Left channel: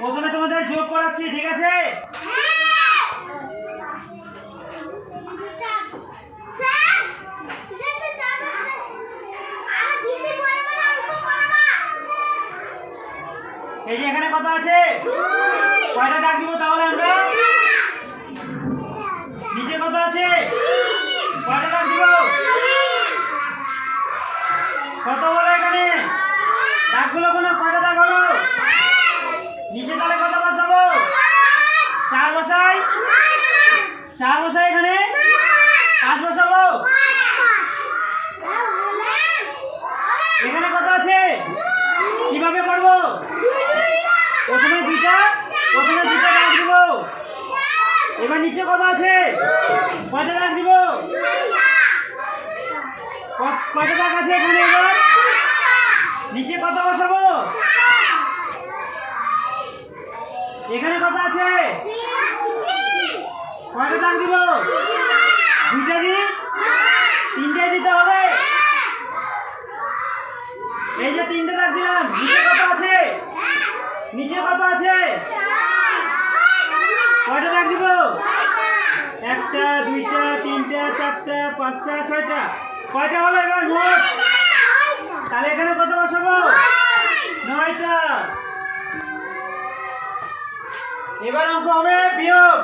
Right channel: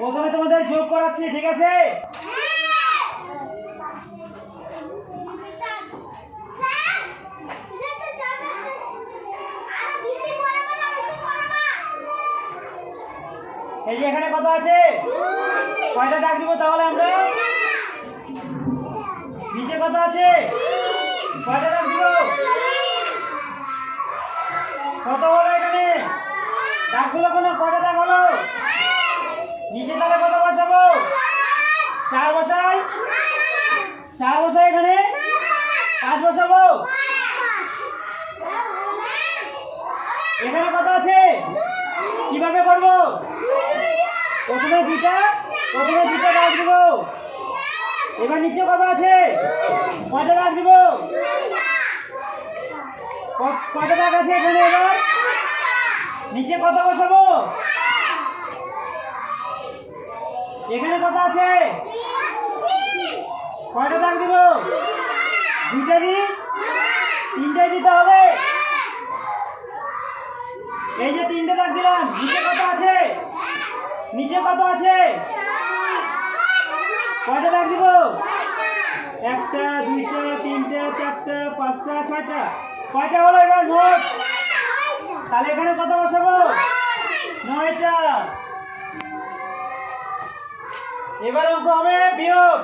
প্রথমে তোমাদের যোগ করাচ্ছি, ঠিক আছে? এই যে এখানে কত আছে? কয়টা দাগ দিব তাহলে আমরা? নিচে কত আছে? কয়টা দাগ দিব? কত হলো এখানে? দাগগুলো কোনো কয়টা দাগ হলো? নিচে তাহলে কত বসাবো? 4 বসাই? 4 বসাই এখানে? 5 বসাবো? এখানে কত আছে? কিভাবে করবো? প্রথমে দুইটা দাগ দিব। এবার নিচে কত আছে? কয়টা দাগ দিব? কয়টা দাগ আছে এখানে? এবার নিচে কত বসাবো? এখানে কত আছে? কয়টা দাগ দিব? দুইটা দিই? তিনটে দিতে হবে? এই যে 3টে দাগ দিলাম। নিচে কত আছে? নিচে কত আছে? কয়টা দাগ দিব? 1টা 2টা 3টে 4টে 5টা 6টা। কয়টা হলো এবার মোট? তাহলে এখানে কত বসাবো? 9টা। এবার অঙ্ক হবে বিয়োগ।